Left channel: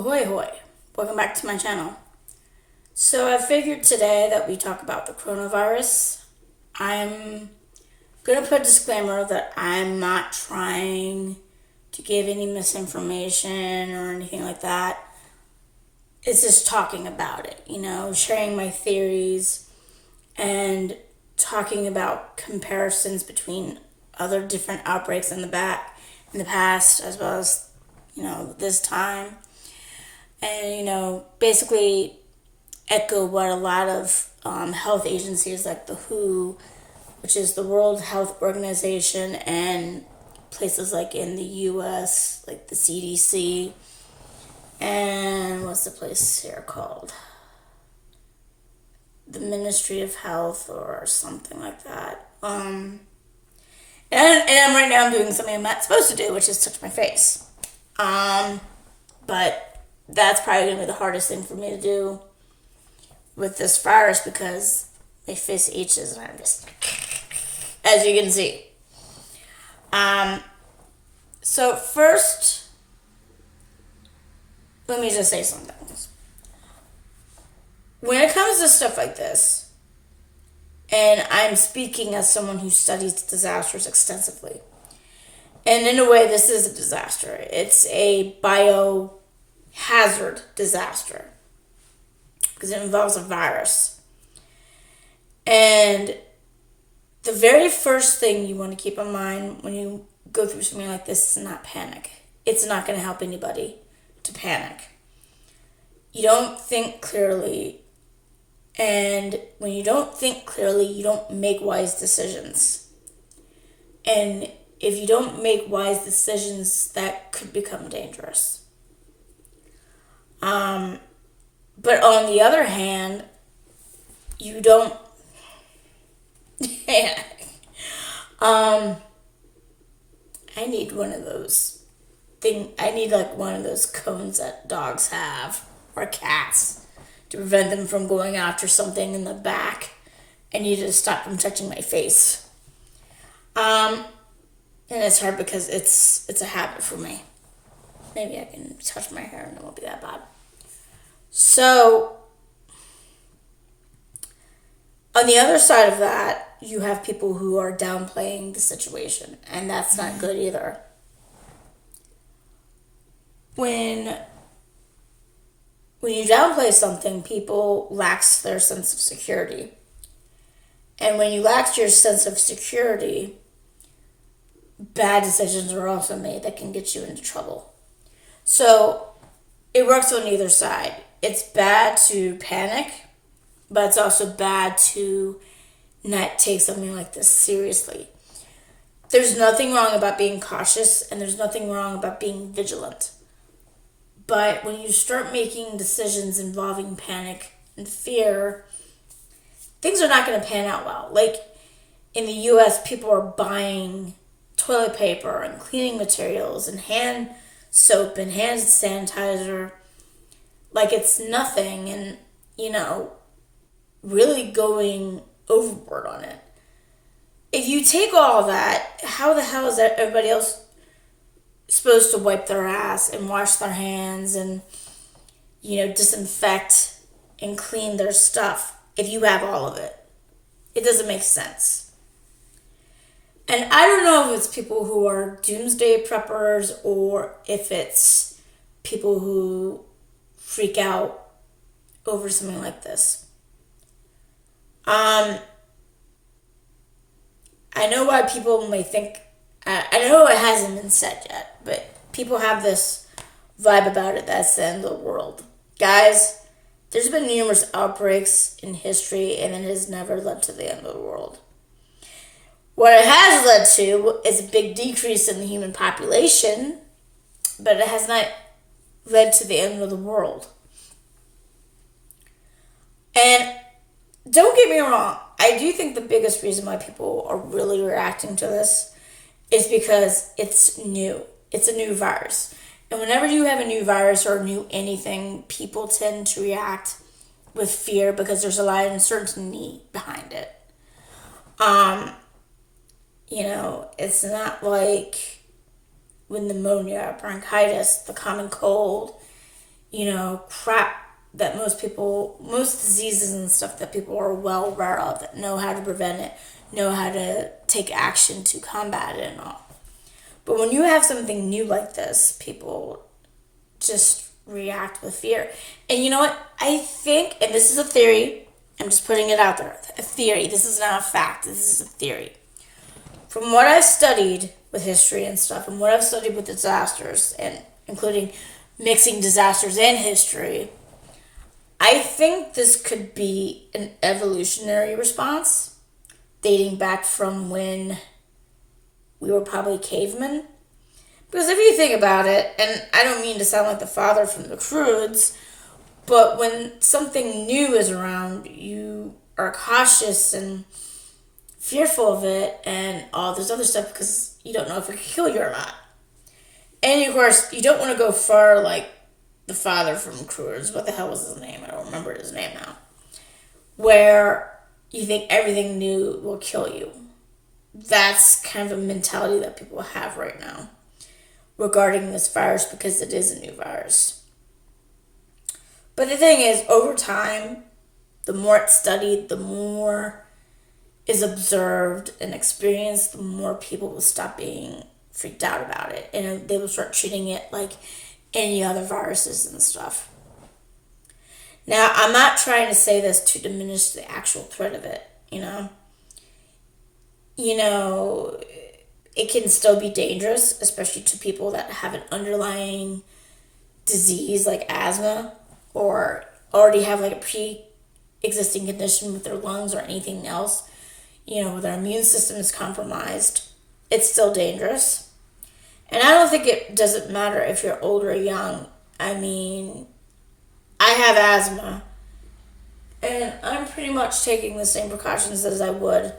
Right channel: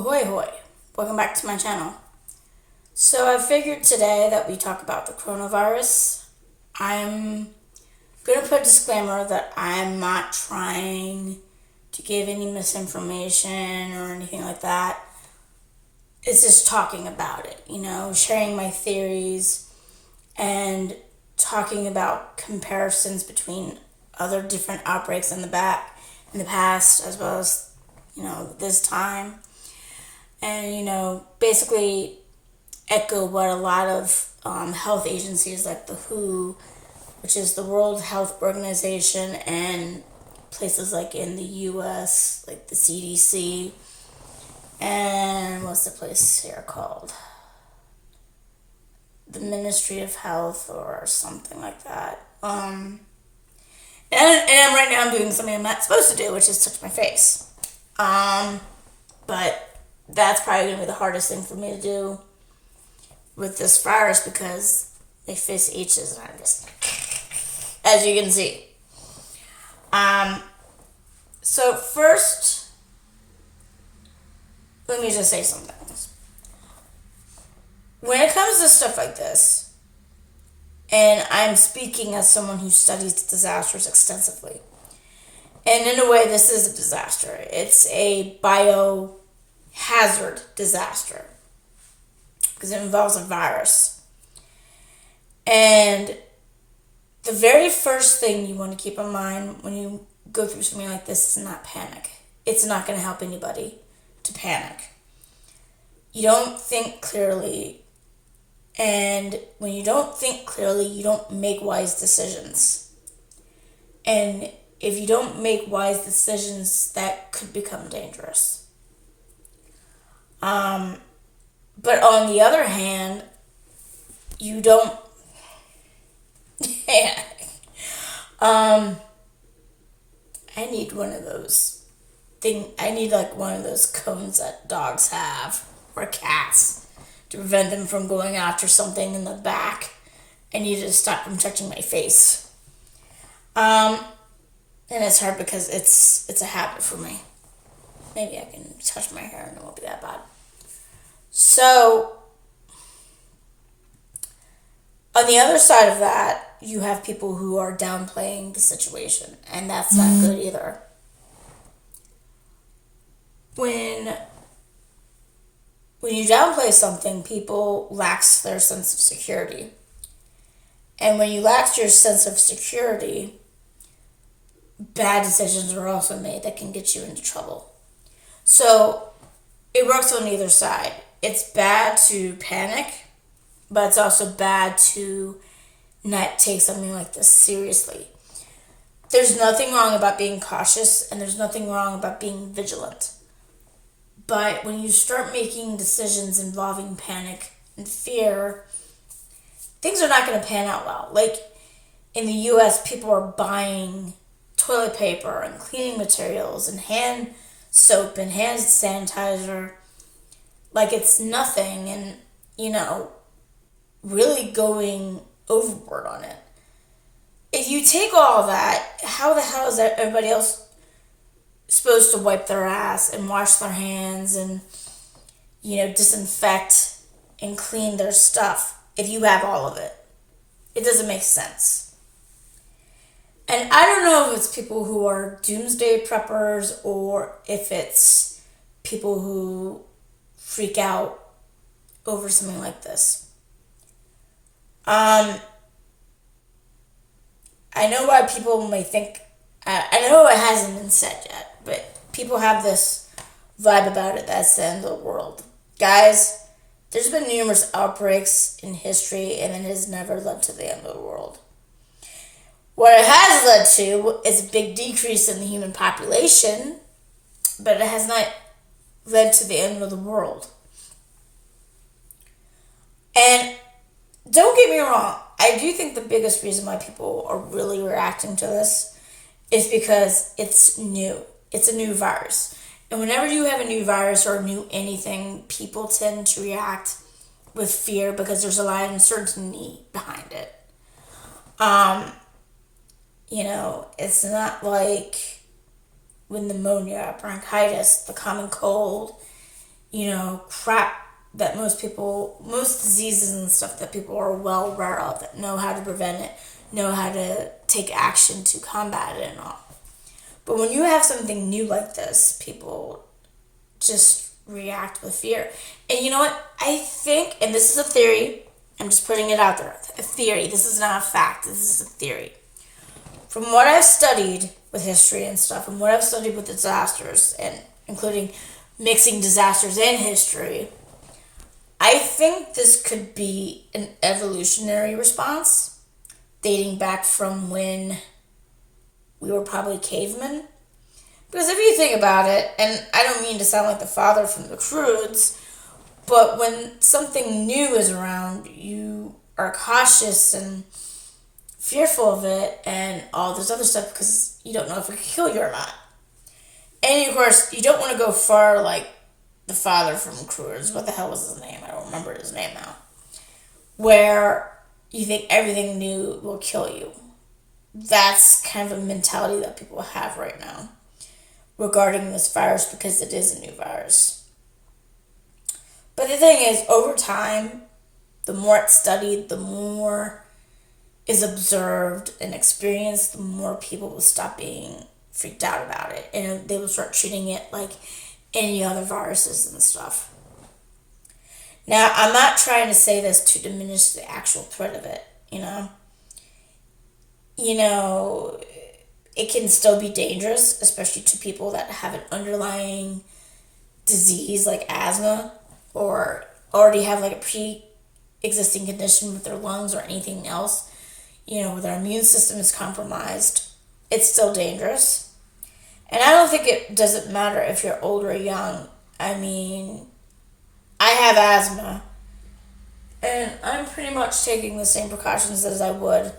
Ahoy hoy, welcome back to my channel. So I figured today that we talk about the coronavirus. I'm going to put a disclaimer that I'm not trying to give any misinformation or anything like that. It's just talking about it, sharing my theories and talking about comparisons between other different outbreaks in the past as well as, this time. And, basically echo what a lot of health agencies like the WHO, which is the World Health Organization, and places like in the US, like the CDC, and what's the place here called? The Ministry of Health or something like that. And right now I'm doing something I'm not supposed to do, which is touch my face. But that's probably going to be the hardest thing for me to do with this virus because my face itches and I'm just, as you can see. So first, let me just say something. When it comes to stuff like this, and I'm speaking as someone who studies disasters extensively, and in a way this is a disaster. It's a biohazard disaster because it involves a virus. And the very first thing you want to keep in mind when you go through something like this is not panic. It's not going to help anybody to panic. You don't think clearly. And when you don't think clearly, you don't make wise decisions. And if you don't make wise decisions, that could become dangerous. But on the other hand, you don't. I need one of those I need like one of those cones that dogs have or cats to prevent them from going after something in the back. I need to stop from touching my face. And it's hard because it's a habit for me. Maybe I can touch my hair and it won't be that bad. So, on the other side of that, you have people who are downplaying the situation, and that's not good either. When you downplay something, people lack their sense of security. And when you lack your sense of security, bad decisions are also made that can get you into trouble. So it works on either side. It's bad to panic, but it's also bad to not take something like this seriously. There's nothing wrong about being cautious, and there's nothing wrong about being vigilant. But when you start making decisions involving panic and fear, things are not going to pan out well. Like in the US, people are buying toilet paper and cleaning materials and hand soap and hand sanitizer like it's nothing, and really going overboard on it. If you take all that, how the hell is everybody else supposed to wipe their ass and wash their hands and disinfect and clean their stuff if you have all of it? It doesn't make sense. And I don't know if it's people who are doomsday preppers or if it's people who freak out over something like this. I know why people may think, I know it hasn't been said yet, but people have this vibe about it that's the end of the world. Guys, there's been numerous outbreaks in history and it has never led to the end of the world. What it has led to is a big decrease in the human population, but it has not led to the end of the world. And don't get me wrong, I do think the biggest reason why people are really reacting to this is because it's new. It's a new virus. And whenever you have a new virus or a new anything, people tend to react with fear because there's a lot of uncertainty behind it. It's not like with pneumonia, bronchitis, the common cold. crap that most diseases and stuff that people are well aware of, that know how to prevent it, know how to take action to combat it and all. But when you have something new like this, people just react with fear. And you know what? I think, and this is a theory, I'm just putting it out there, a theory. This is not a fact. This is a theory. From what I've studied with history and stuff, and what I've studied with disasters, and including mixing disasters and history, I think this could be an evolutionary response dating back from when we were probably cavemen. Because if you think about it, and I don't mean to sound like the father from the Croods, but when something new is around, you are cautious and fearful of it and all this other stuff because you don't know if it can kill you or not. And of course, you don't want to go far like the father from Croods. What the hell was his name? I don't remember his name now. Where you think everything new will kill you. That's kind of a mentality that people have right now regarding this virus because it is a new virus. But the thing is, over time, the more it's studied, the more is observed and experienced, the more people will stop being freaked out about it. And they will start treating it like any other viruses and stuff. Now, I'm not trying to say this to diminish the actual threat of it, it can still be dangerous, especially to people that have an underlying disease like asthma or already have like a pre-existing condition with their lungs or anything else, where their immune system is compromised. It's still dangerous. And I don't think it doesn't matter if you're old or young. I mean, I have asthma, and I'm pretty much taking the same precautions as I would,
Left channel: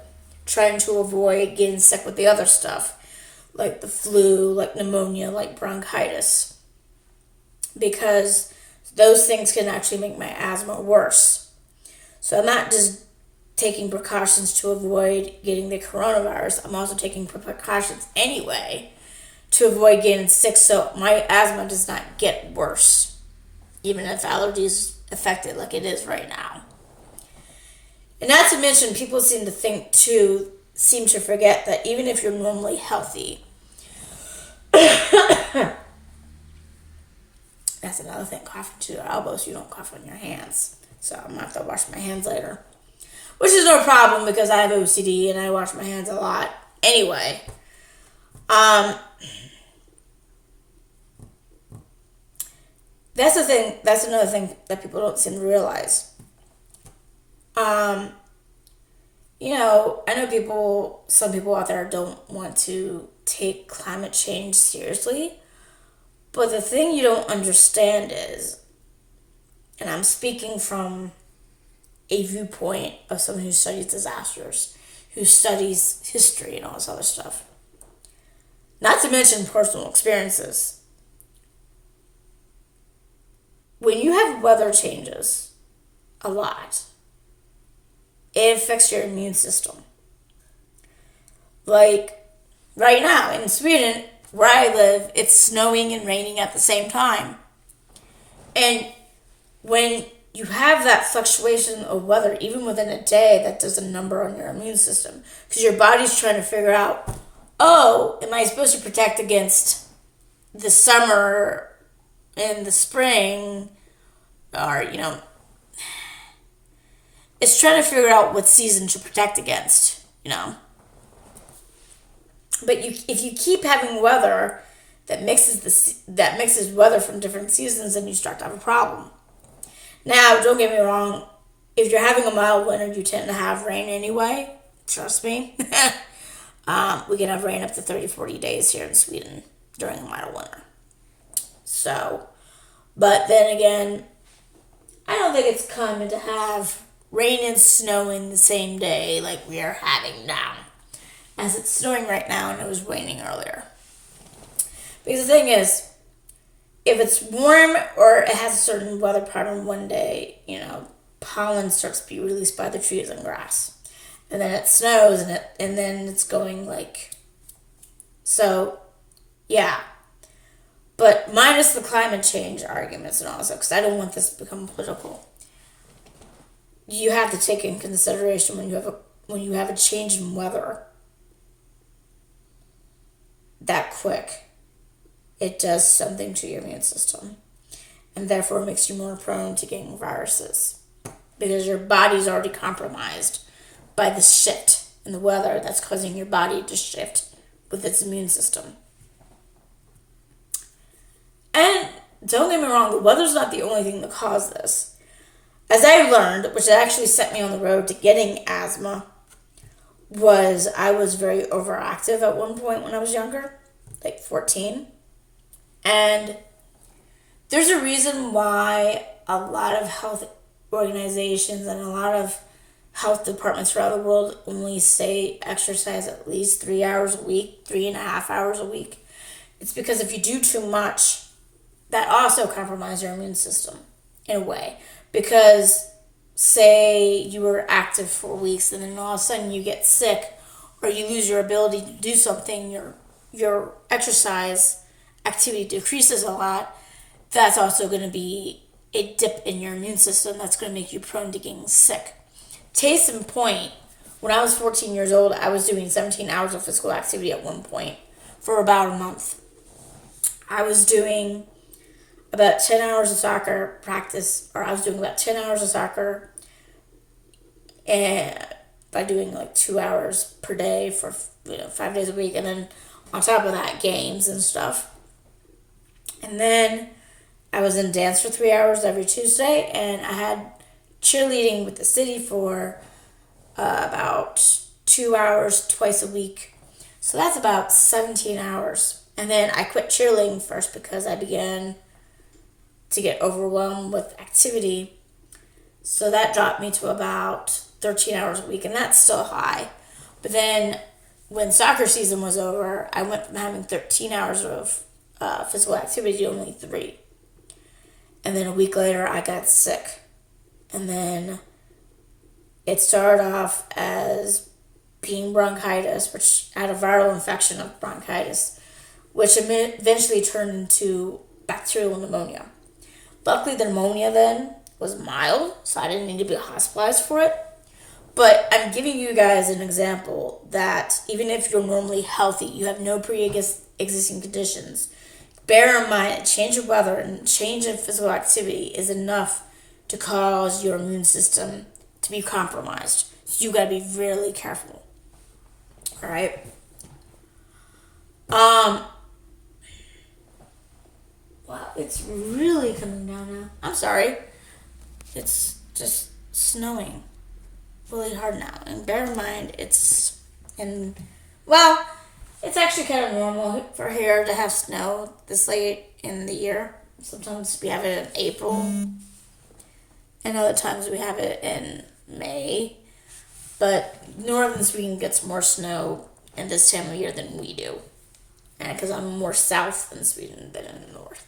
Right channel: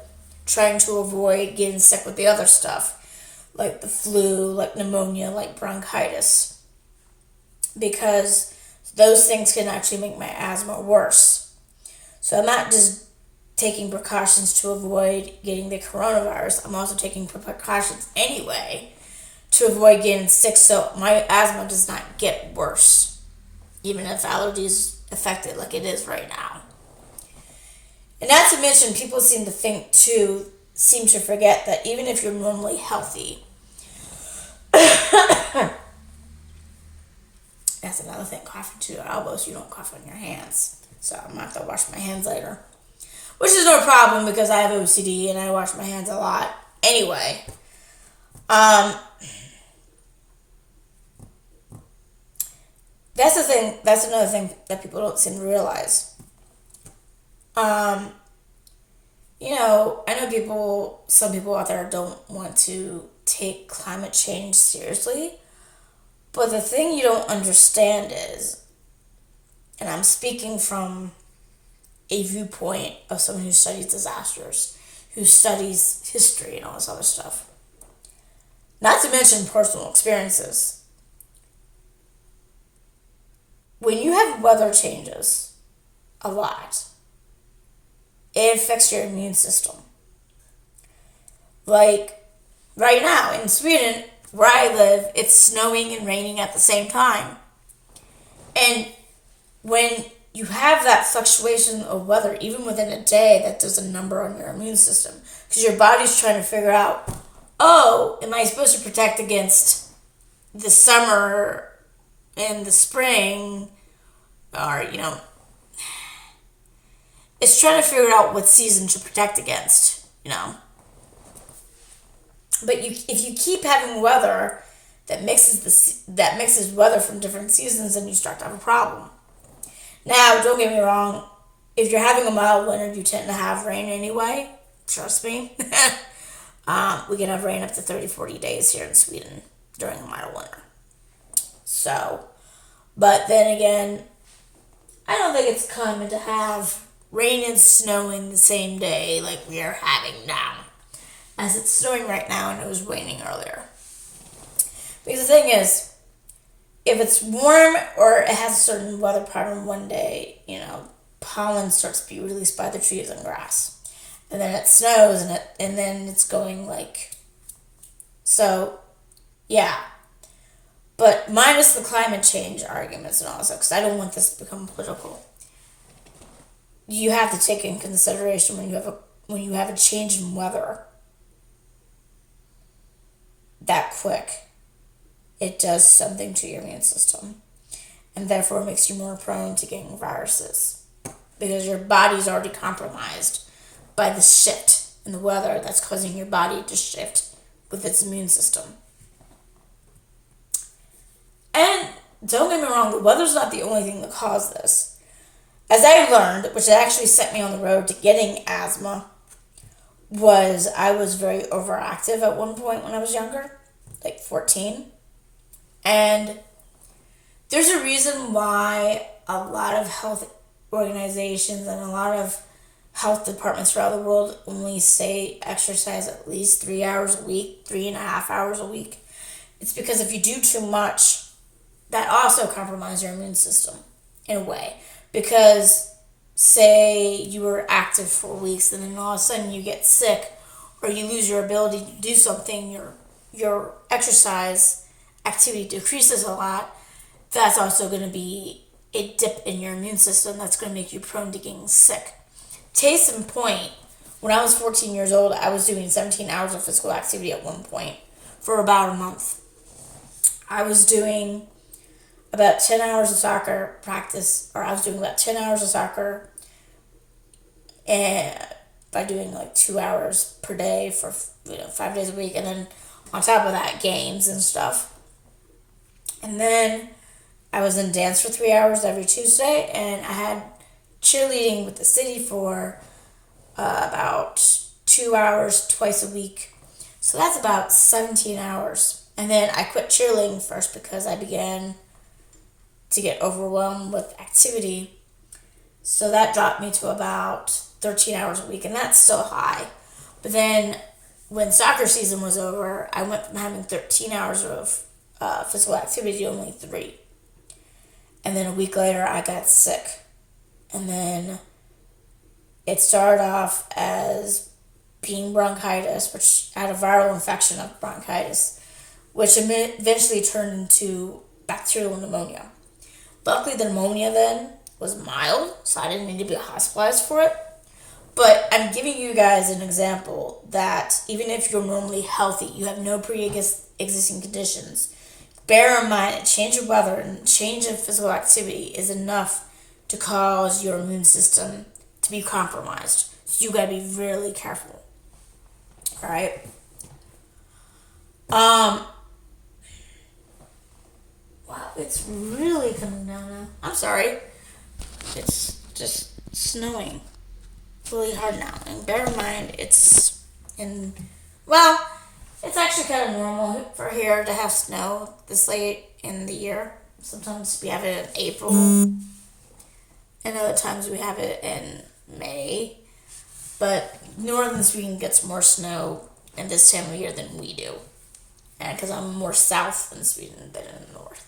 trying to avoid getting sick with the other stuff, like the flu, like pneumonia, like bronchitis, because those things can actually make my asthma worse. So I'm not just taking precautions to avoid getting the coronavirus, I'm also taking precautions anyway to avoid getting sick so my asthma does not get worse, even if allergies affect it like it is right now. And not to mention, people seem to forget that even if you're normally healthy, that's another thing, coughing to your elbows, you don't cough on your hands. So I'm going to have to wash my hands later. Which is no problem because I have OCD and I wash my hands a lot. Anyway, that's the thing. That's another thing that people don't seem to realize. I know some people out there don't want to take climate change seriously. But the thing you don't understand is, and I'm speaking from a viewpoint of someone who studies disasters, who studies history and all this other stuff. Not to mention personal experiences. When you have weather changes a lot, it affects your immune system. Like right now in Sweden, where I live, it's snowing and raining at the same time. And when you have that fluctuation of weather, even within a day, that does a number on your immune system. Because your body's trying to figure out, am I supposed to protect against the summer and the spring? Or, it's trying to figure out what season to protect against, But if you keep having weather that mixes weather from different seasons, then you start to have a problem. Now, don't get me wrong. If you're having a mild winter, you tend to have rain anyway. Trust me. We can have rain up to 30, 40 days here in Sweden during a mild winter. So, but then again, I don't think it's common to have rain and snow in the same day like we are having now. As it's snowing right now and it was raining earlier. Because the thing is, if it's warm or it has a certain weather pattern one day, pollen starts to be released by the trees and grass. And then it snows and then it's going so, yeah. But minus the climate change arguments and all this stuff, because I don't want this to become political. You have to take in consideration when you have a change in weather that quick, it does something to your immune system, and therefore makes you more prone to getting viruses because your body's already compromised by the shift in the weather that's causing your body to shift with its immune system. And don't get me wrong, the weather's not the only thing that caused this. As I learned, which actually set me on the road to getting asthma, was I was very overactive at one point when I was younger, like 14. And there's a reason why a lot of health organizations and a lot of health departments around the world only say exercise at least 3 hours a week, 3.5 hours a week. It's because if you do too much, that also compromises your immune system in a way. Because say you were active for weeks and then all of a sudden you get sick or you lose your ability to do something, your exercise activity decreases a lot, that's also going to be a dip in your immune system that's going to make you prone to getting sick. Case in point, when I was 14 years old, I was doing 17 hours of physical activity at one point for about a month. I was doing about 10 hours of soccer practice, or I was doing about 10 hours of soccer and by doing like 2 hours per day for 5 days a week, and then on top of that, games and stuff. And then I was in dance for 3 hours every Tuesday, and I had cheerleading with the city for about 2 hours twice a week. So that's about 17 hours. And then I quit cheerleading first because I began to get overwhelmed with activity. So that dropped me to about 13 hours a week, and that's still high. But then when soccer season was over, I went from having 13 hours of physical activity to only 3. And then a week later, I got sick. And then it started off as being bronchitis, which I had a viral infection of bronchitis, which eventually turned into bacterial pneumonia. Luckily, the pneumonia then was mild, so I didn't need to be hospitalized for it. But I'm giving you guys an example that even if you're normally healthy, you have no pre-existing conditions, bear in mind a change of weather and change of physical activity is enough to cause your immune system to be compromised. So you gotta be really careful. All right. Wow, it's really coming down now. I'm sorry. It's just snowing really hard now. And bear in mind, it's actually kind of normal for here to have snow this late in the year. Sometimes we have it in April, and other times we have it in May. But northern Sweden gets more snow in this time of year than we do. And because I'm more south in Sweden than in the north.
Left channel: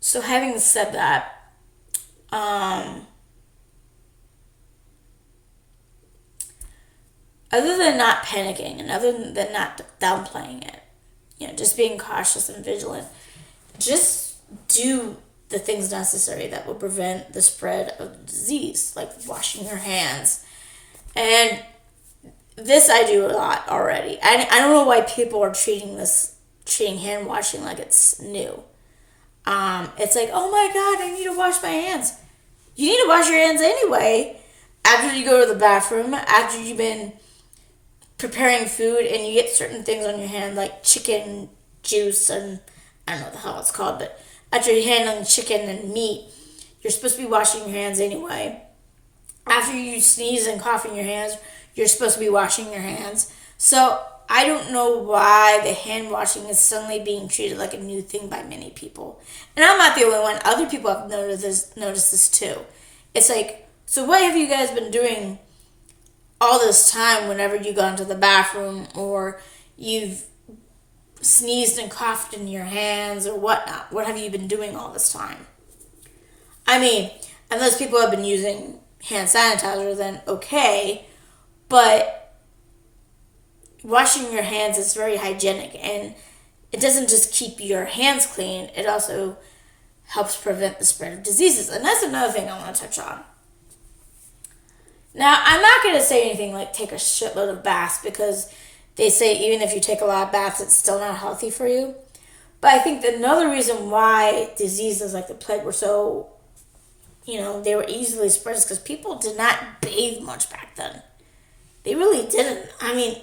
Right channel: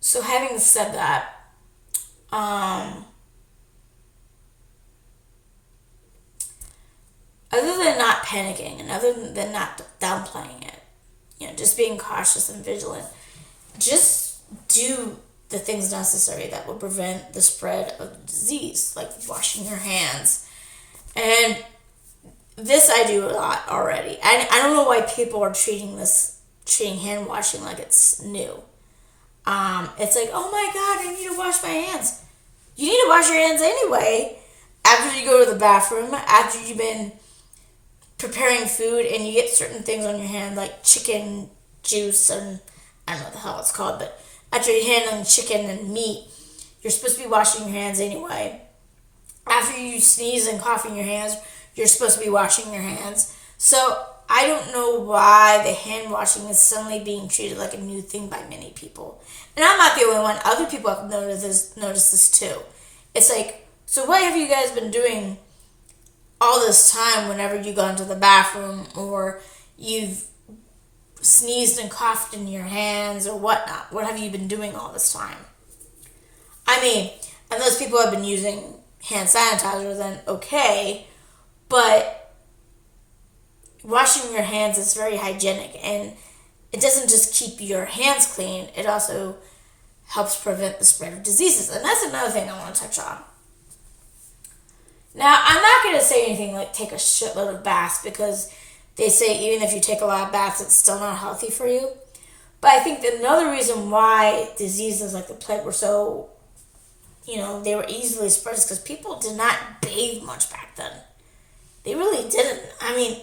So having said that, other than not panicking and other than not downplaying it, just being cautious and vigilant, just do the things necessary that will prevent the spread of the disease, like washing your hands. And this I do a lot already. I don't know why people are treating hand washing like it's new. It's like, oh my God, I need to wash my hands. You need to wash your hands anyway. After you go to the bathroom, after you've been preparing food and you get certain things on your hand like chicken juice and I don't know what the hell it's called, but after you're handling chicken and meat, you're supposed to be washing your hands anyway. After you sneeze and cough in your hands, you're supposed to be washing your hands. So I don't know why the hand washing is suddenly being treated like a new thing by many people. And I'm not the only one. Other people have noticed this too. It's like, so what have you guys been doing all this time whenever you go into the bathroom or you've sneezed and coughed in your hands or whatnot? What have you been doing all this time? I mean, unless people have been using hand sanitizer, then okay. But washing your hands is very hygienic, and it doesn't just keep your hands clean, it also helps prevent the spread of diseases. And that's another thing I want to touch on. Now, I'm not going to say anything like take a shitload of baths, because they say even if you take a lot of baths, it's still not healthy for you. But I think another reason why diseases like the plague were so, they were easily spread is because people did not bathe much back then. They really didn't. I mean,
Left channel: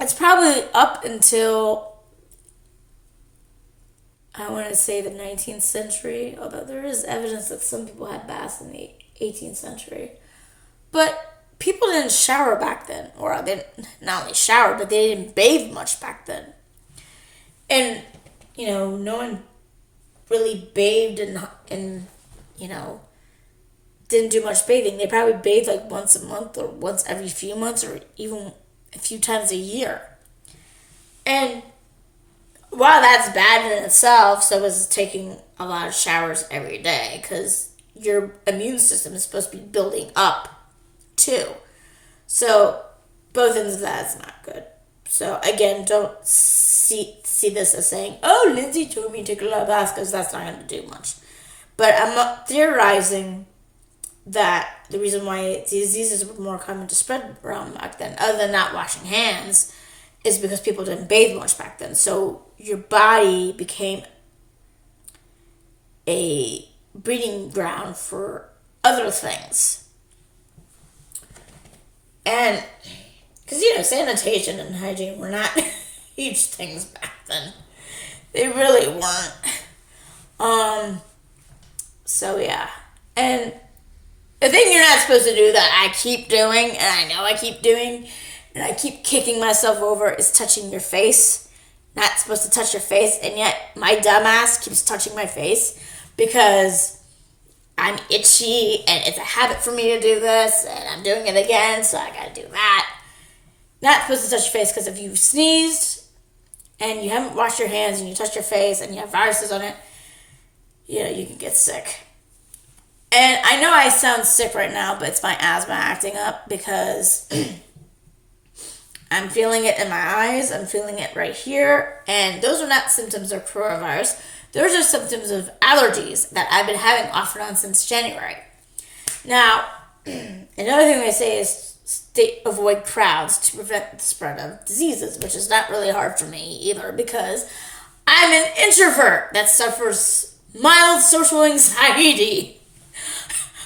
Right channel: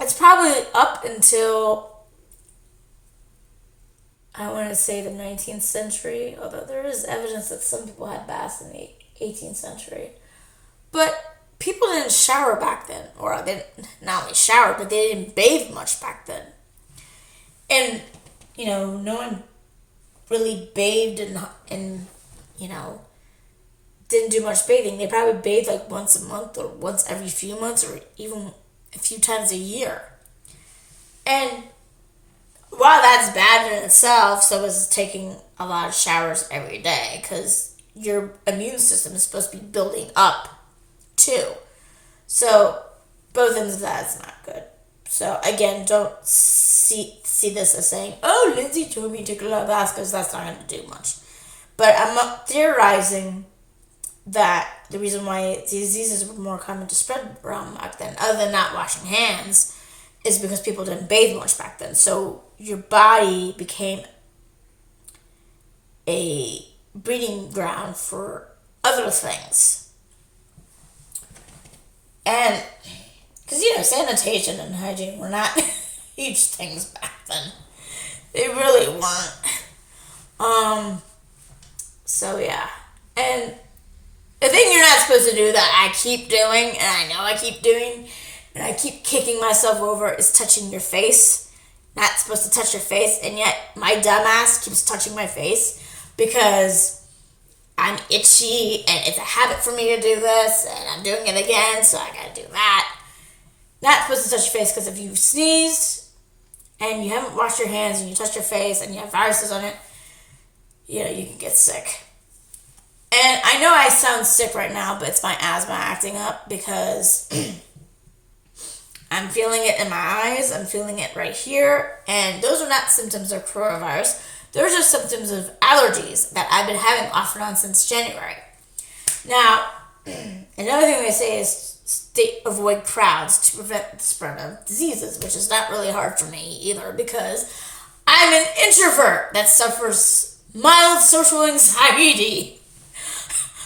it's probably up until, I want to say, the 19th century, although there is evidence that some people had baths in the 18th century. But people didn't shower back then, or they not only showered, but they didn't bathe much back then. And, no one really bathed and didn't do much bathing. They probably bathed like once a month or once every few months or even a few times a year. And while that's bad in itself, so is taking a lot of showers every day, because your immune system is supposed to be building up too. So both ends of that is not good. So again, don't see this as saying, oh, Lindsay told me to take a lot of baths, because that's not going to do much. But I'm theorizing that the reason why diseases were more common to spread around back then, other than not washing hands, is because people didn't bathe much back then. So your body became a breeding ground for other things. And because, sanitation and hygiene were not huge things back then. They really weren't. So yeah. And the thing you're not supposed to do that I keep doing, and I know I keep doing, and I keep kicking myself over, is touching your face. Not supposed to touch your face, and yet my dumbass keeps touching my face because I'm itchy, and it's a habit for me to do this, and I'm doing it again, so I gotta do that. Not supposed to touch your face, because if you sneezed and you haven't washed your hands and you touch your face and you have viruses on it, you can get sick. And I know I sound sick right now, but it's my asthma acting up, because I'm feeling it in my eyes. I'm feeling it right here. And those are not symptoms of coronavirus. Those are symptoms of allergies that I've been having off and on since January. Now, another thing they say is avoid crowds to prevent the spread of diseases, which is not really hard for me either, because I'm an introvert that suffers mild social anxiety.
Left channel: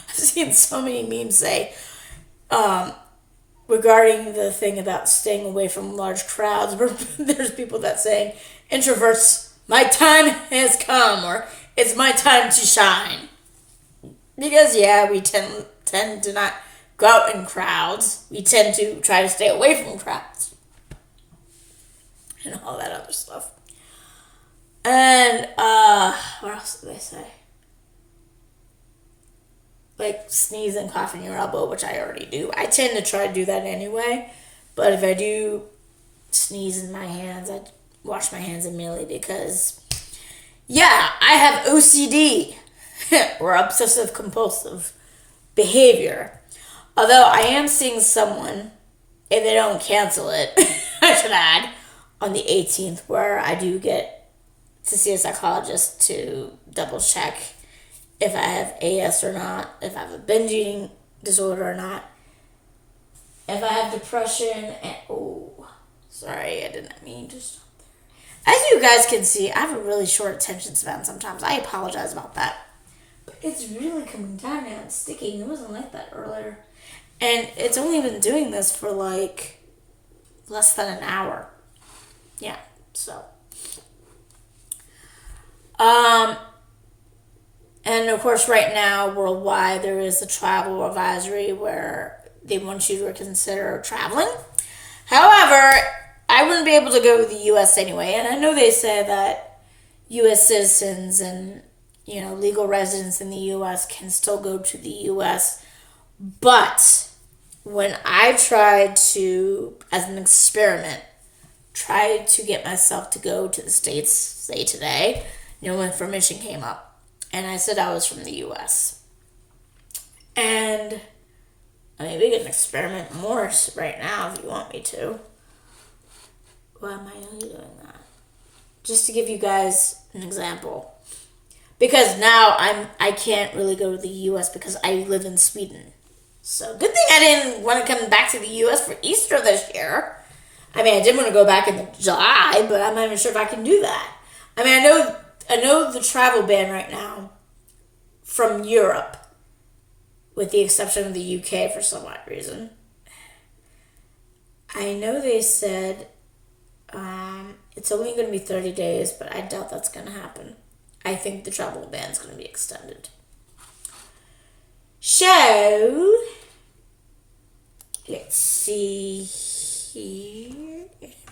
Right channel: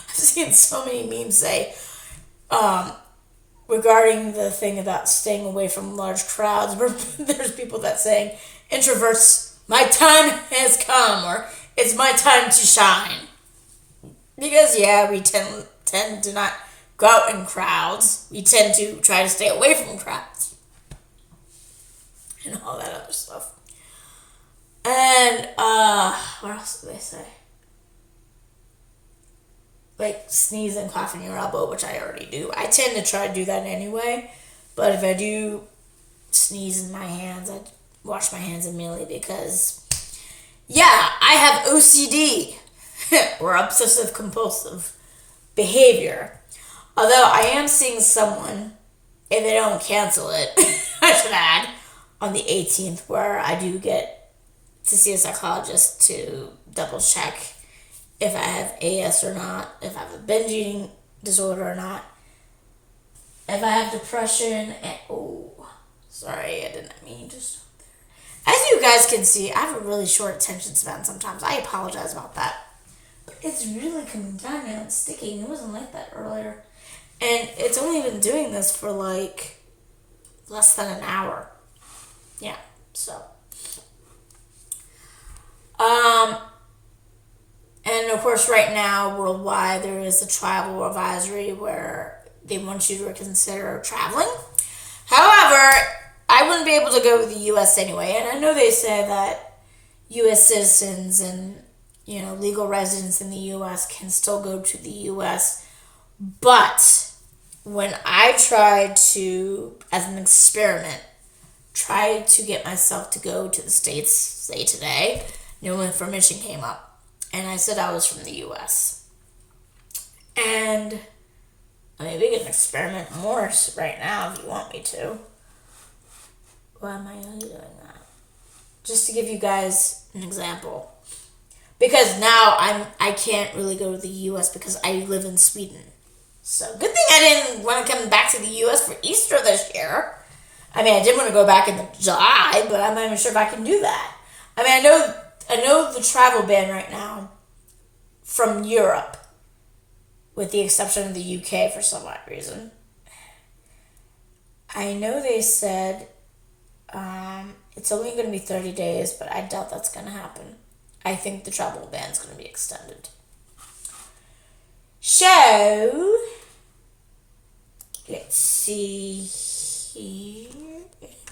I've seen so many memes say, regarding the thing about staying away from large crowds, where there's people that saying, introverts, my time has come, or it's my time to shine. Because, we tend to not go out in crowds. We tend to try to stay away from crowds. And all that other stuff. And, what else did they say? Like sneeze and cough in your elbow, which I already do. I tend to try to do that anyway. But if I do sneeze in my hands, I wash my hands immediately, because, I have OCD, or obsessive compulsive behavior. Although I am seeing someone, if they don't cancel it, I should add, on the 18th, where I do get to see a psychologist to double check if I have AS or not, if I have a binge eating disorder or not, if I have depression, and sorry, I didn't mean to stop there. As you guys can see, I have a really short attention span sometimes. I apologize about that. But it's really coming down now and sticking. It wasn't like that earlier. And it's only been doing this for like less than an hour. Yeah, so. And of course, right now, worldwide, there is a travel advisory where they want you to consider traveling. However, I wouldn't be able to go to the U.S. anyway. And I know they say that U.S. citizens and, legal residents in the U.S. can still go to the U.S. But when I tried to, as an experiment, try to get myself to go to the States, say today, no information came up. And I said I was from the U.S. And we can experiment more right now if you want me to. Why am I only doing that? just to give you guys an example. Because now I can't really go to the U.S. because I live in Sweden. So good thing I didn't want to come back to the U.S. for Easter this year. I mean, I did want to go back in July, but I'm not even sure if I can do that. I mean, I know the travel ban right now from Europe, with the exception of the UK for some odd reason. I know they said it's only going to be 30 days, but I doubt that's going to happen. I think the travel ban is going to be extended. So, let's see here.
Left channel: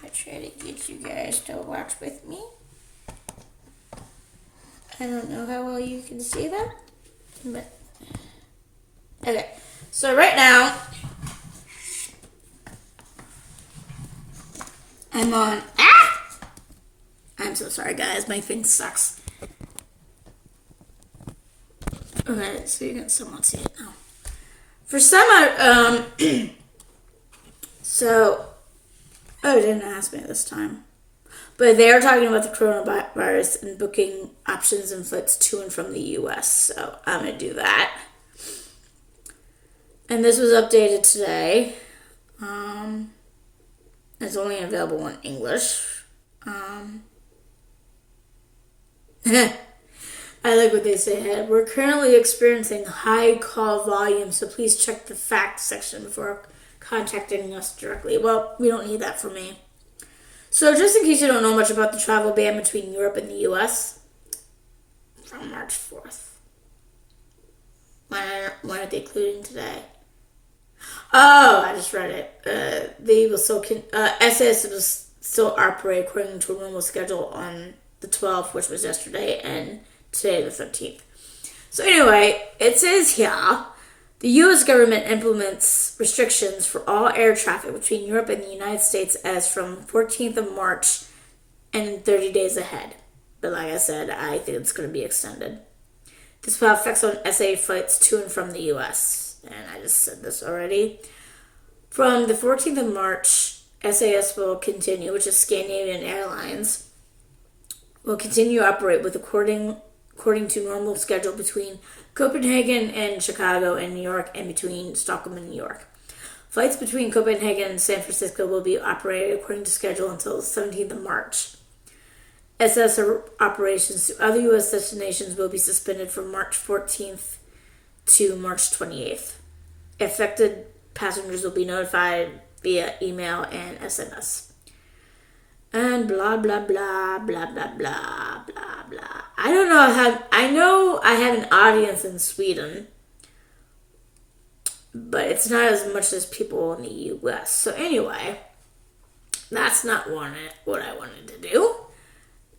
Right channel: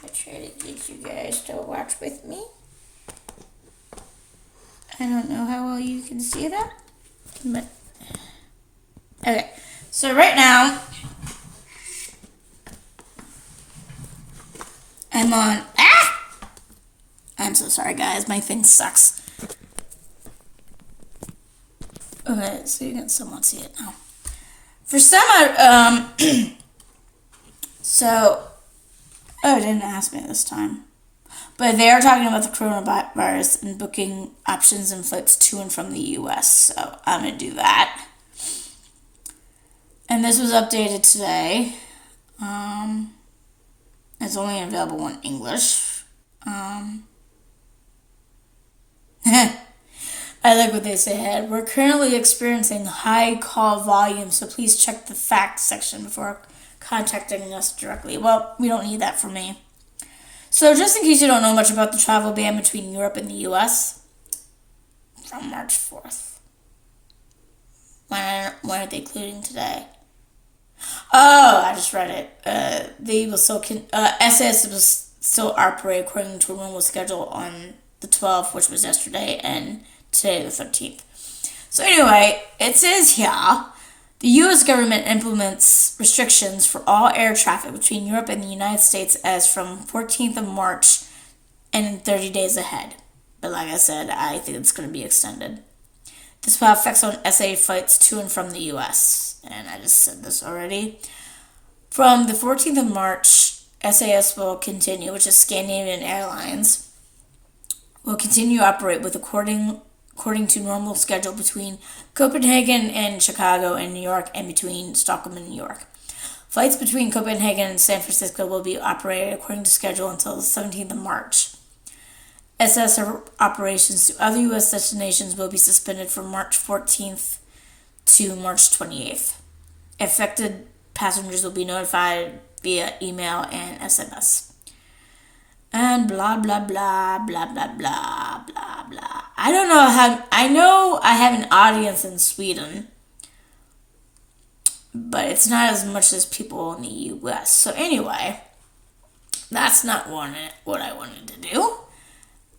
I try to get you guys to watch with me. I don't know how well you can see that, but okay. So right now, I'm on. I'm so sorry, guys. My thing sucks. Okay, so you can somewhat see it now. For some, so, it didn't ask me this time. But they are talking about the coronavirus and booking options and flights to and from the U.S. So I'm going to do that. And this was updated today. It's only available in English. I like what they say ahead. We're currently experiencing high call volume, so please check the facts section before contacting us directly. Well, we don't need that from me. So just in case you don't know much about the travel ban between Europe and the U.S., from March 4th. When are they including today? Oh, I just read it. They will still SAS will still operate according to a normal schedule on the 12th, which was yesterday, and today, the 13th. So anyway, it says here, the U.S. government implements restrictions for all air traffic between Europe and the United States as from 14th of March and 30 days ahead. But like I said, I think it's going to be extended. This will have effects on SA flights to and from the U.S. And I just said this already. From the 14th of March, SAS will continue, which is Scandinavian Airlines, will continue to operate with according to normal schedule between Copenhagen and Chicago and New York, and between Stockholm and New York. Flights between Copenhagen and San Francisco will be operated according to schedule until the 17th of March. SS operations to other U.S. destinations will be suspended from March 14th to March 28th. Affected passengers will be notified via email and SMS. And blah, blah, blah, blah, blah, blah, blah, blah. I don't know how... I know I have an audience in Sweden, but it's not as much as people in the U.S. So anyway, that's not what I wanted to do.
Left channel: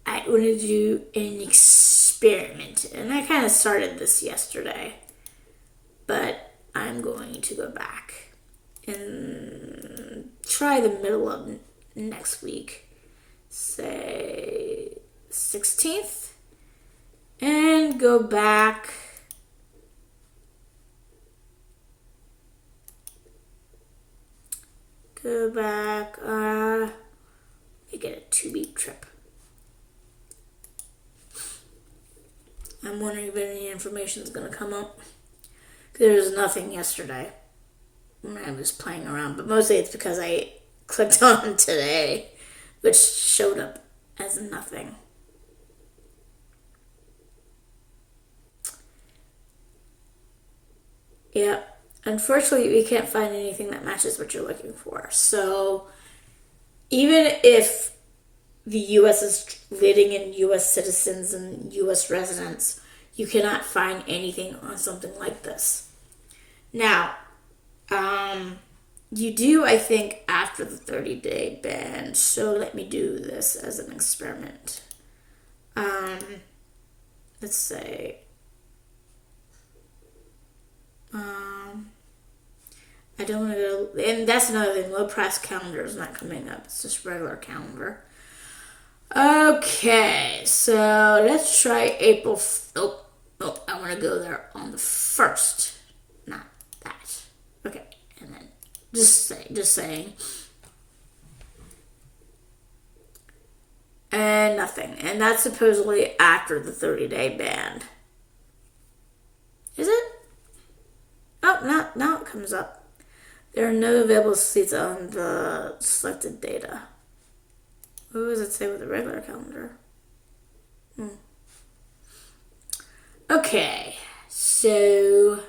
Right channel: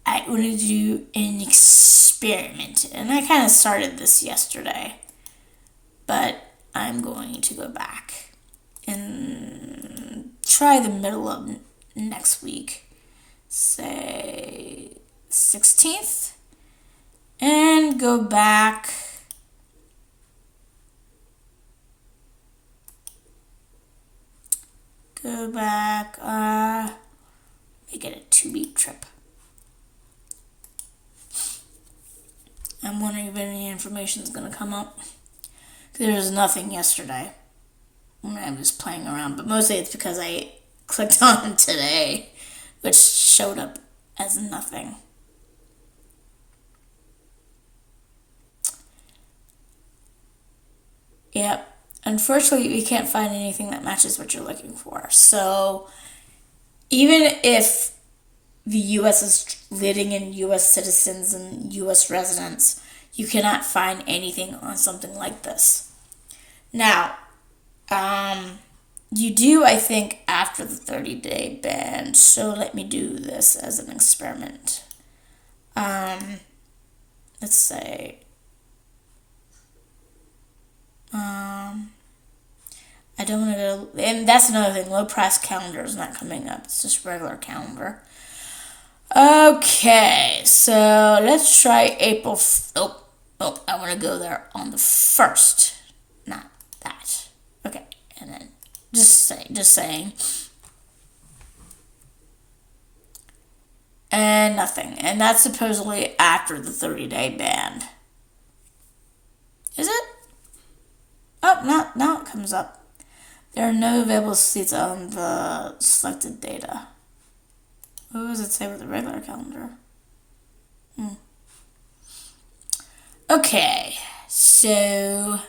I wanted to do an experiment, and I kind of started this yesterday, but I'm going to go back and try the middle of next week, say 16th, and go back make it a 2-week trip. I'm wondering if any information is going to come up. There was nothing yesterday when I was playing around, but mostly it's because I clicked on today, which showed up as nothing. Yep. Unfortunately, we can't find anything that matches what you're looking for. So even if the U.S. is letting in U.S. citizens and U.S. residents, you cannot find anything on something like this. Now, you do, I think, after the 30-day ban. So let me do this as an experiment. Let's say, I don't want to go, and that's another thing, low price calendar is not coming up. It's just regular calendar. Okay, so let's try April. I want to go there on the 1st. Not that. Okay, and then just saying. and nothing. And that's supposedly after the 30-day ban. Is it? Oh, no, now it comes up. There are no available seats on the selected data. What does it say with the regular calendar? Okay, so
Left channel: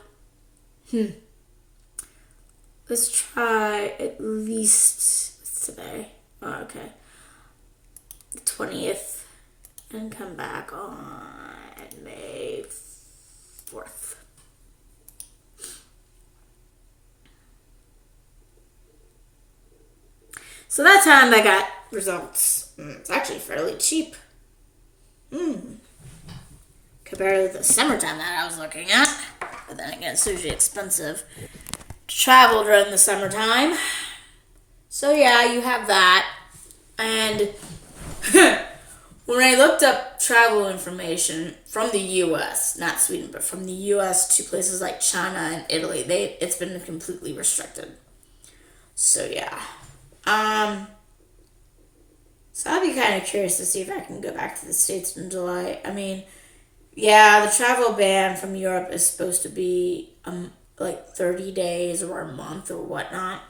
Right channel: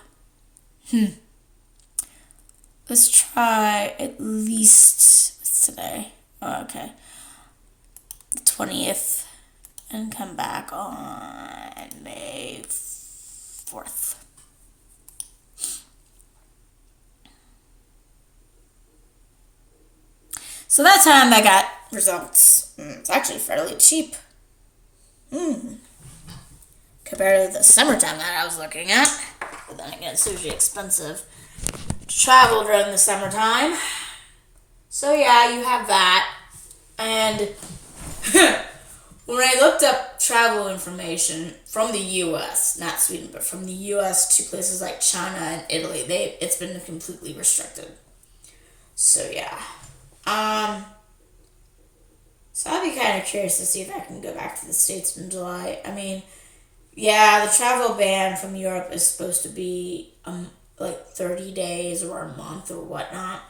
let's try at least what's today? Oh, okay, the 20th, and come back on May 4th. So that time I got results. It's actually fairly cheap. Compared to the summertime that I was looking at. But then again, it's usually expensive to travel during the summertime. So yeah, you have that. And when I looked up travel information from the U.S., not Sweden, but from the U.S. to places like China and Italy, it's been completely restricted. So yeah. So I'll be kind of curious to see if I can go back to the States in July. I mean, yeah, the travel ban from Europe is supposed to be like 30 days or a month or whatnot.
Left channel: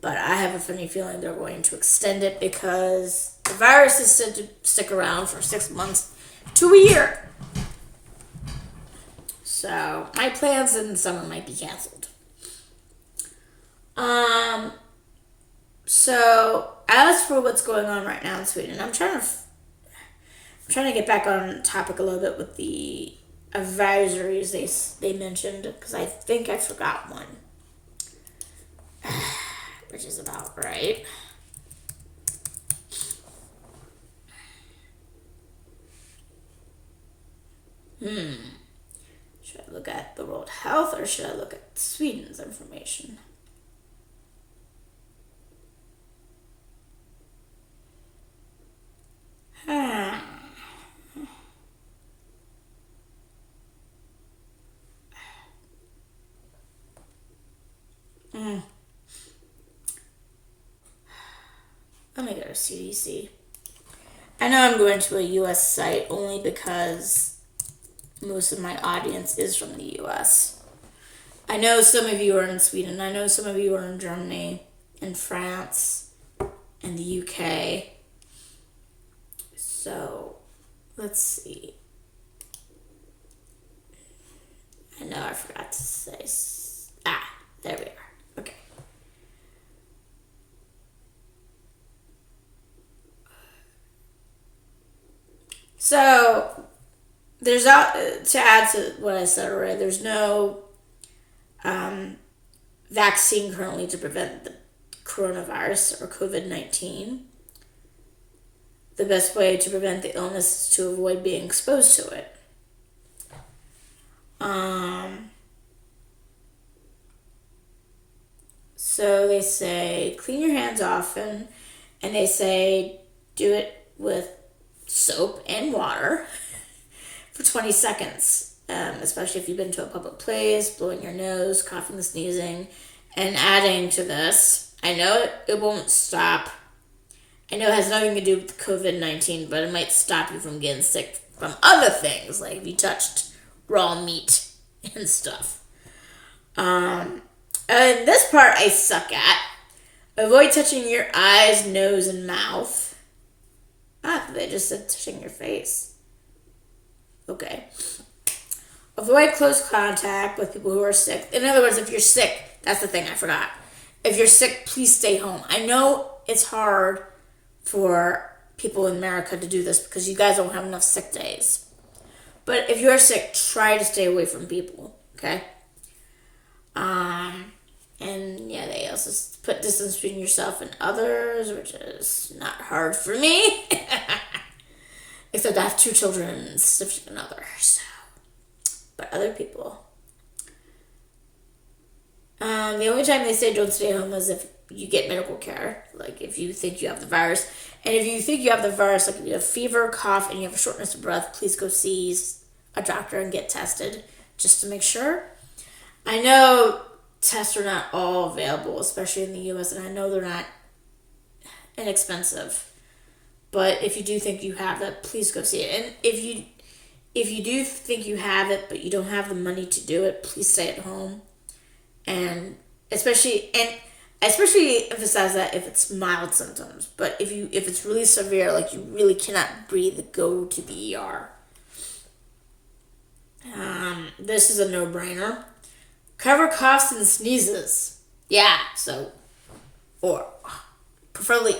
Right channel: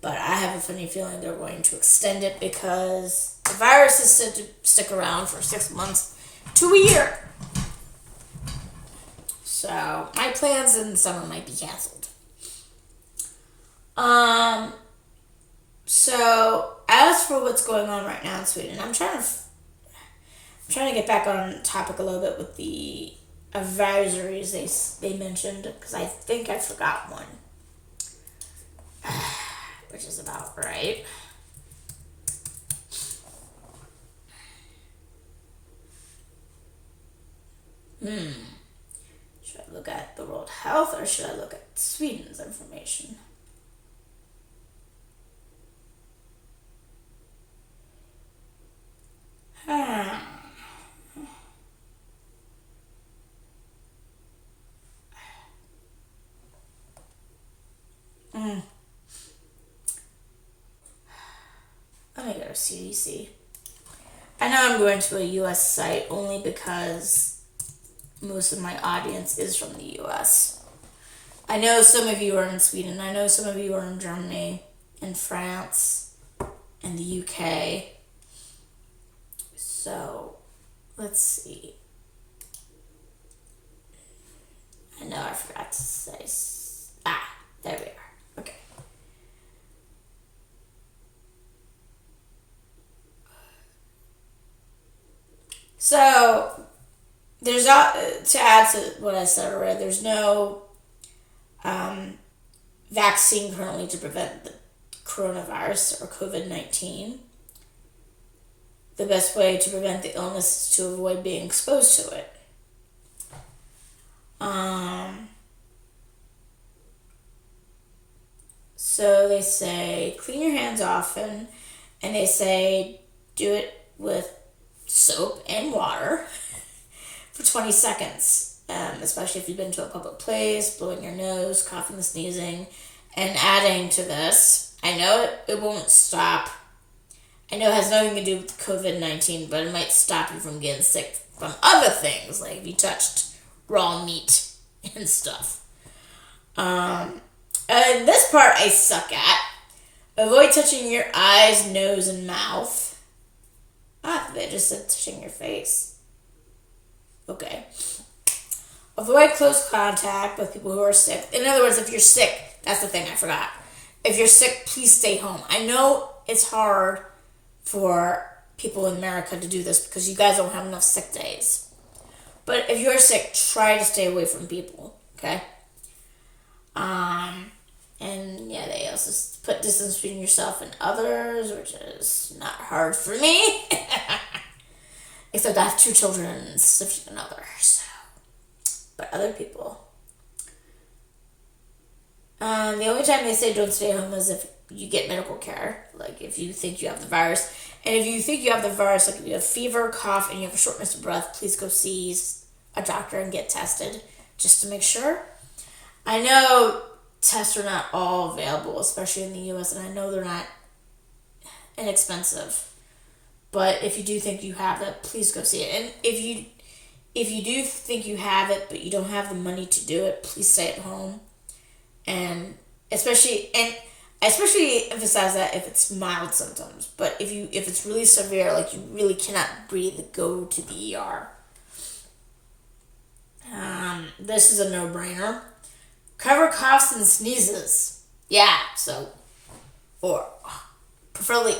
But I have a funny feeling they're going to extend it because the virus is said to stick around for 6 months to a year. So my plans in the summer might be canceled. So as for what's going on right now in Sweden, I'm trying to get back on topic a little bit with the advisories they mentioned, because I think I forgot one, which is about right. Should I look at the World Health or should I look at Sweden's information? Let me go to CDC. I know I'm going to a US site only because most of my audience is from the US. I know some of you are in Sweden. I know some of you are in Germany and France and the UK. So, let's see. I know I forgot to say. There we are. Okay. So, there's to add to what I said already, there's no vaccine currently to prevent the coronavirus or COVID-19. The best way to prevent the illness is to avoid being exposed to it. So they say clean your hands often, and they say do it with soap and water for 20 seconds, especially if you've been to a public place, blowing your nose, coughing, sneezing, and adding to this. I know it won't stop. I know it has nothing to do with COVID-19, but it might stop you from getting sick from other things, like if you touched raw meat and stuff. And this part I suck at. Avoid touching your eyes, nose, and mouth. They just said touching your face. Okay. Avoid close contact with people who are sick. In other words, if you're sick, that's the thing I forgot. If you're sick, please stay home. I know it's hard for people in America to do this because you guys don't have enough sick days. But if you're sick, try to stay away from people, okay? And yeah, they also put distance between yourself and others, which is not hard for me. Except I have 2 children and significant other, so. But other people. The only time they say don't stay home is if you get medical care. Like if you think you have the virus. And if you think you have the virus, like if you have fever, cough, and you have a shortness of breath, please go see a doctor and get tested just to make sure. I know tests are not all available, especially in the U.S., and I know they're not inexpensive. But if you do think you have it, please go see it. And if you do think you have it, but you don't have the money to do it, please stay at home. And especially emphasize that if it's mild symptoms. But if it's really severe, like you really cannot breathe, go to the ER. This is a no-brainer. Cover coughs and sneezes. Yeah, so, or preferably,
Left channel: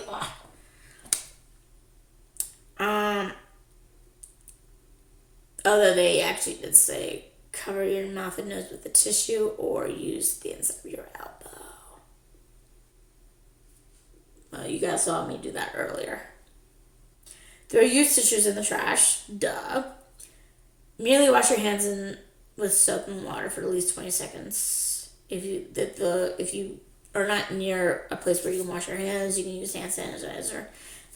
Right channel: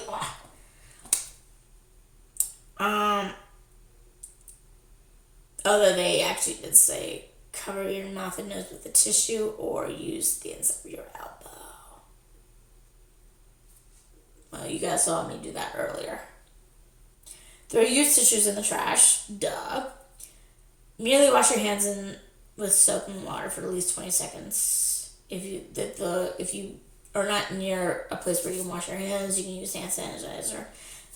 although they actually did say cover your mouth and nose with a tissue or use the inside of your elbow. Well, you guys saw me do that earlier. Throw used tissues in the trash. Duh. Merely wash your hands with soap and water for at least 20 seconds. If you are not near a place where you can wash your hands, you can use hand sanitizer.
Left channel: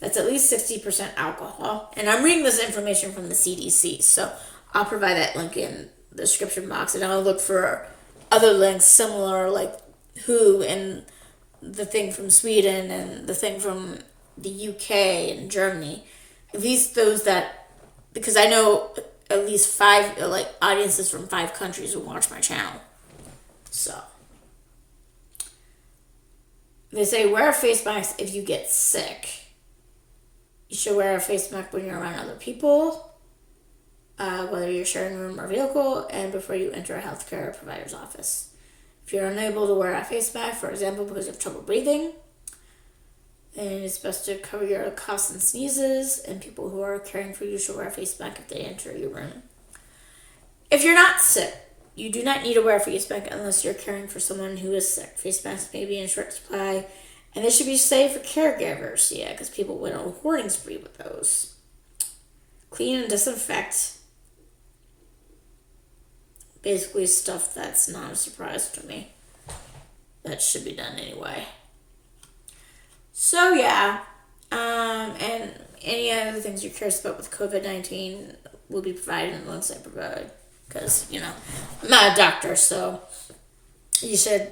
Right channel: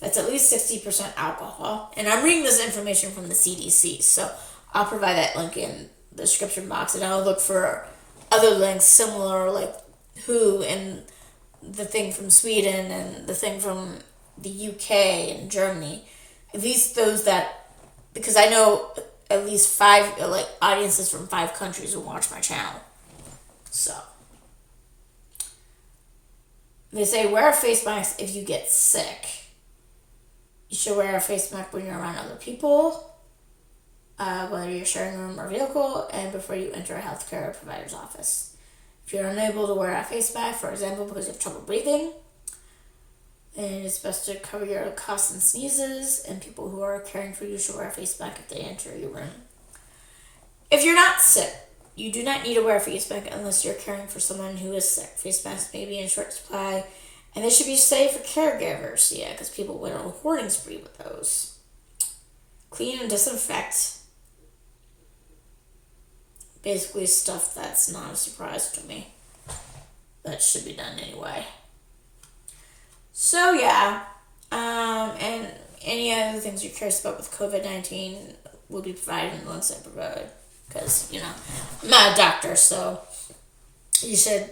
That's at least 60% alcohol. And I'm reading this information from the CDC, so I'll provide that link in the description box, and I'll look for other links similar, like WHO and the thing from Sweden and the thing from the UK and Germany. At least those that, because I know at least 5 audiences from 5 countries who watch my channel. So they say wear a face mask if you get sick. You should wear a face mask when you're around other people, whether you're sharing a room or vehicle, and before you enter a healthcare provider's office. If you're unable to wear a face mask, for example, because you have trouble breathing, then it's best to cover your coughs and sneezes, and people who are caring for you should wear a face mask if they enter your room. If you're not sick, you do not need to wear a face mask unless you're caring for someone who is sick. Face masks may be in short supply, and they should be saved for caregivers, because people went on a hoarding spree with those. Clean and disinfect. Basically stuff that's not a surprise to me. That should be done anyway. So yeah, and any other things you're curious about with COVID-19 will be provided in the links I provide. Because, I'm not a doctor, so you should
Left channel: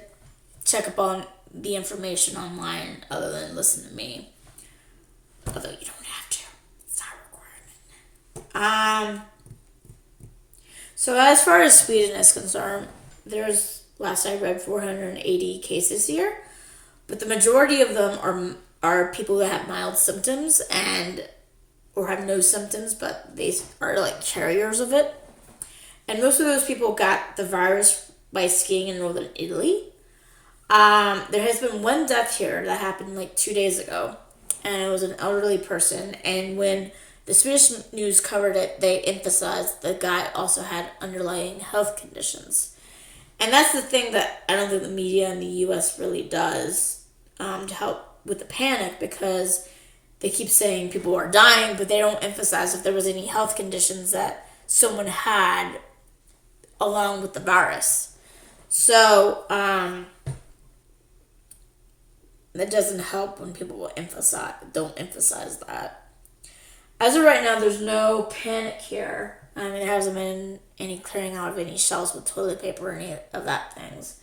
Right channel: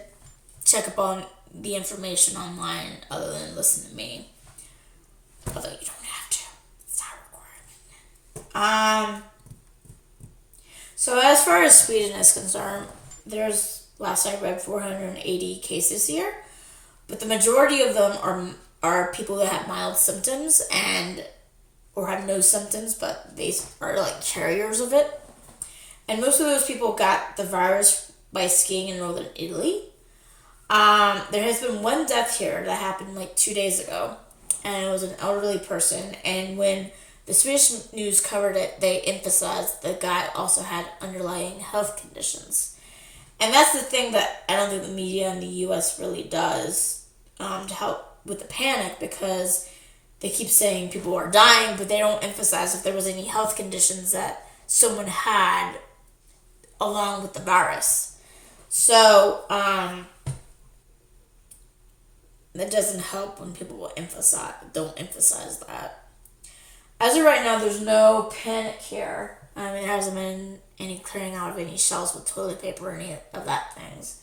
check up on the information online other than listen to me. Although you don't have to. It's not a requirement. So as far as Sweden is concerned, there's, last I read, 480 cases here. But the majority of them are people that have mild symptoms or have no symptoms, but they are like carriers of it. And most of those people got the virus by skiing in northern Italy. There has been one death here that happened 2 days ago, and it was an elderly person. And when the Swedish news covered it, they emphasized the guy also had underlying health conditions. And that's the thing that I don't think the media in the U.S. really does to help with the panic, because they keep saying people are dying, but they don't emphasize if there was any health conditions that someone had along with the virus. So that doesn't help when people don't emphasize that. As of right now, there's no panic here. There hasn't been any clearing out of any shelves with toilet paper or any of that things.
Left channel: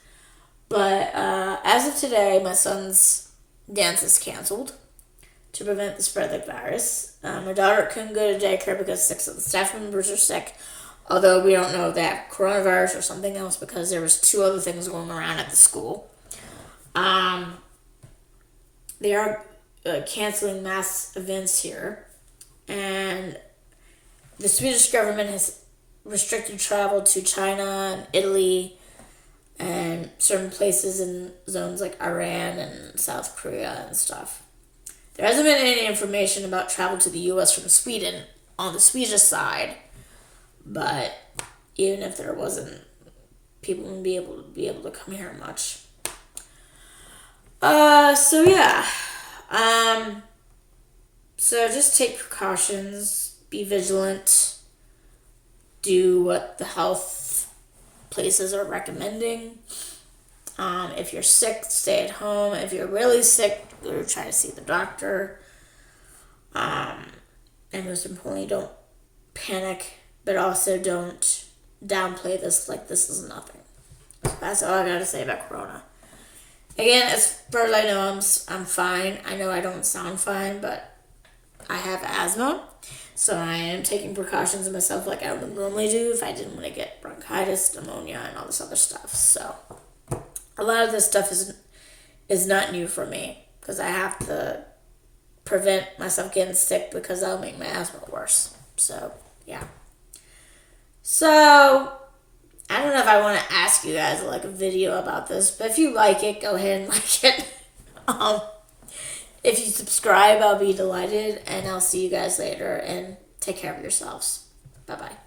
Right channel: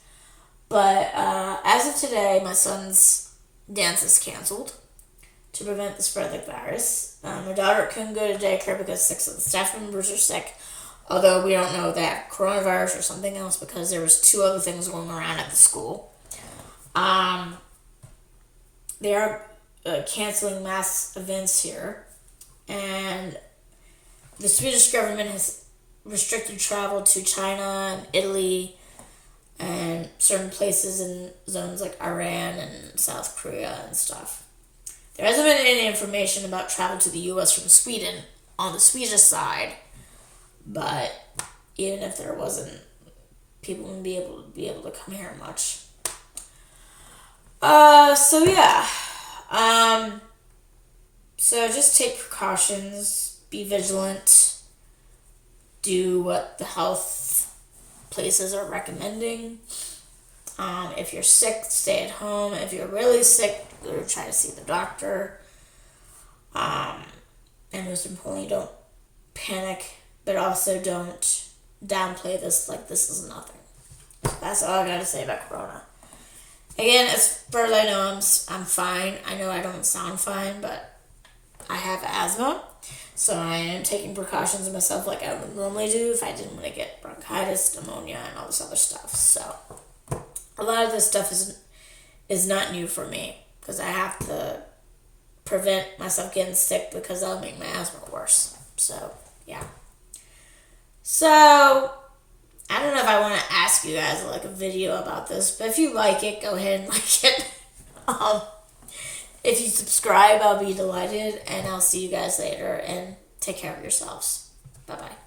But as of today, my son's dance is canceled to prevent the spread of the virus. My daughter couldn't go to daycare because 6 of the staff members are sick. Although we don't know if they have coronavirus or something else, because there was 2 other things going around at the school. They are canceling mass events here. And the Swedish government has restricted travel to China and Italy and certain places in zones like Iran and South Korea and stuff. There hasn't been any information about travel to the U.S. from Sweden on the Swedish side, but even if there wasn't, people wouldn't be able to come here much. So yeah. So just take precautions, be vigilant, do what the health places are recommending. If you're sick, stay at home. If you're really sick, go try to see the doctor. And most importantly, don't panic, but also don't downplay this like this is nothing. That's all I gotta say about Corona. Again, as far as I know, I'm fine. I know I don't sound fine, but I have asthma, so I am taking precautions myself like I would normally do if I didn't want to get bronchitis, pneumonia, and all this other stuff. So a lot of this stuff is not new for me because I have to prevent myself getting sick because that'll make my asthma worse. So yeah. So I don't know if I want to ask you guys like a video about this, but if you like it, go ahead and like it. If you subscribe, I'll be delighted, and I'll see you guys later, and take care of yourselves. Bye-bye.